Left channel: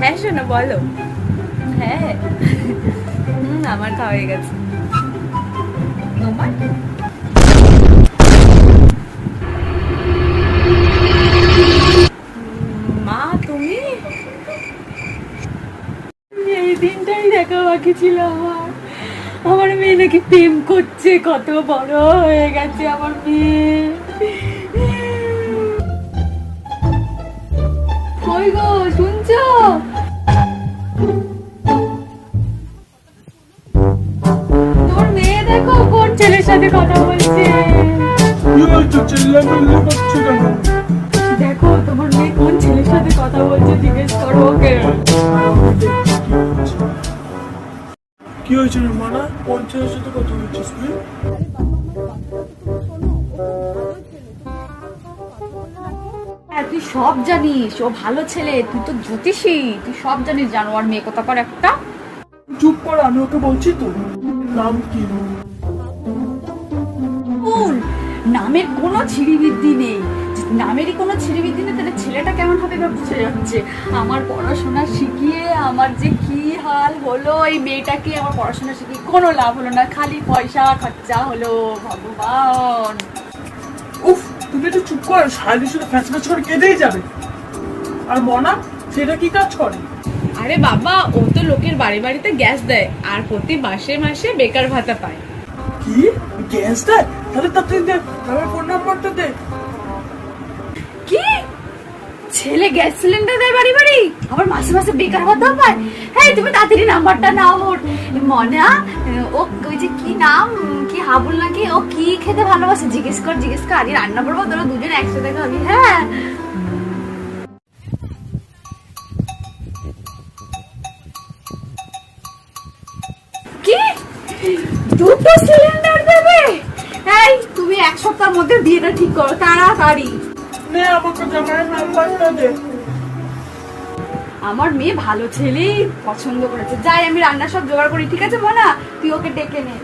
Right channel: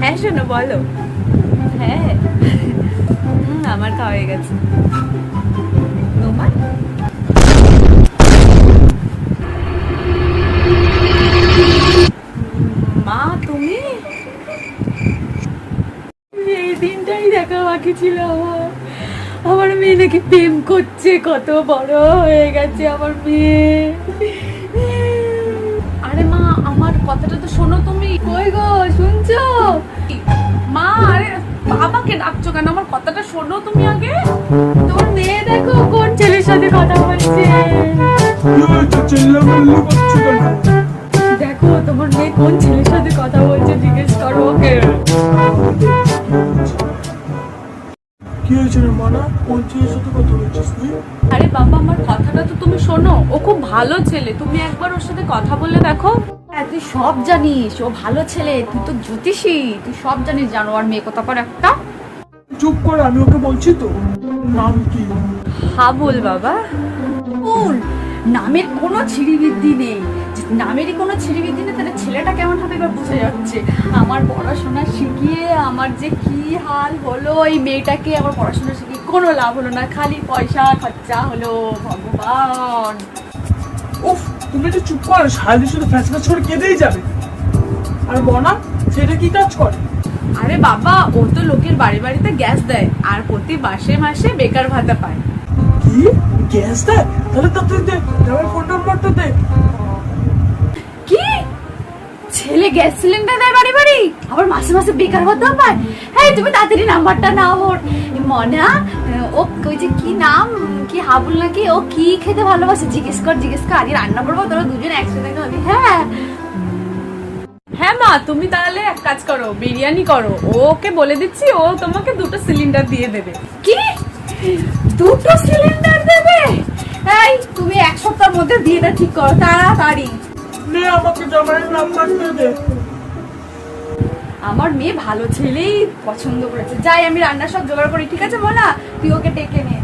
হ্যাঁ শোনো বলো। হ্যাঁ আমার খাওয়া হয়ে গেছে। তোমার? মা তুমি? এই দিনটাই দেখা বাকি ছিল আমার। আমার মেয়ে নাকি প্রেম করছে, কত বড় হয়ে গেছে আমার মেয়ে। আরে মা, আমার কথাটা তো শোনো তুমি। কই গো শুনছো? মা, আরে বাবাকে ডাকছো কেন? আমার কথাটা শোনো তুমি আগে। তোমার মেয়ে দেখো কোন ছেলের সাথে কথা বলছে। দেখো তোমার মেয়ে কোন ছেলের সাথে কথা বলছে, জিজ্ঞেস করো ওকে। কি হয়েছে রে মানা? কোন ছেলের সাথে কথা বলছিস তুই? আরে বাবা, আমার কথাটা তো তুমি শোনো। ও খুব ভালো ছেলে, তুমি একবার ওর সাথে কথা বলে দেখো। হ্যাঁ তুই সব জানিস, ও ভালো ছেলে, তুই তো জ্যোতিষী, তুই সব জানিস। জানোয়ার মেয়ে কোথাকার একটা। চুপ কর, আমি ওকে বলছি তো। নাম কি? হাবুল বাবা। কুল নামের কোনো ছিড়িবিদ্যি নেই। নামেরই কোনো ছিড়িবিদ্যি নেই, তাহলে ছেলেটা কেমন হবে এবার বুঝে যাচ্ছে। আমার পড়াশোনা শিখিয়ে আমার যে কি হাল হলো, এই মেয়েটাকে আমার পড়াশোনা শিখিয়ে কোনো লাভ হলো না, খালি পয়সা খরচা হলো। ভগবান। উফ, তুমি একটু চুপ কর, সারাদিন শুধু ফ্যাস ফ্যাস করে কেঁদেই যাবে। আর মনা, সেটা কি কাজ করে? আরে বাবা, ও তো লোকের বাড়ি বাড়িতে গ্যাস দেয় আর প্রতি মাসে মাসে বেকার ভাতা পায়। কি গ্যাস দেয়? তাহলে তাড়াতাড়ি দে, আমার ফোন নাম্বারটা দে। কি ছেলে গ্যাস সিলিন্ডার দেয় বাড়ি বাড়ি, আবার মাসে মাসে বেকার ভাতা পায়? হ্যাঁ তুমি তাড়াতাড়ি নাম্বারটা নাও ওর। মনা, ও ওই যে কি নাম, কি হাবুল নাকি, ও কি খেতে ভালোবাসে জিজ্ঞেস কর, জিজ্ঞেস কর। আগে রান্না করবো, তোরা দুজন একসাথে খাবি। হ্যাঁ হ্যাঁ মা, তুমি তাহলে এক কাজ করো, বিরিয়ানি করো। ওকে বলে দিচ্ছি, ও তোমাকে 2টো সিলিন্ডার দিয়ে দেবে। কি 2টো সিলিন্ডার দেবে? এই তুমি এক সপ্তাহের মধ্যে বিয়েটা ঠিক করো তাড়াতাড়ি। নে আমাকে জামাইয়ের নাম্বারটা দে। আমার মেয়ে ভালো ছেলেই পছন্দ করেছে। যাই আমি রান্না সব জোগাড় করি, ঠিক আছে মনা? তুই ওকে ডেকে নে।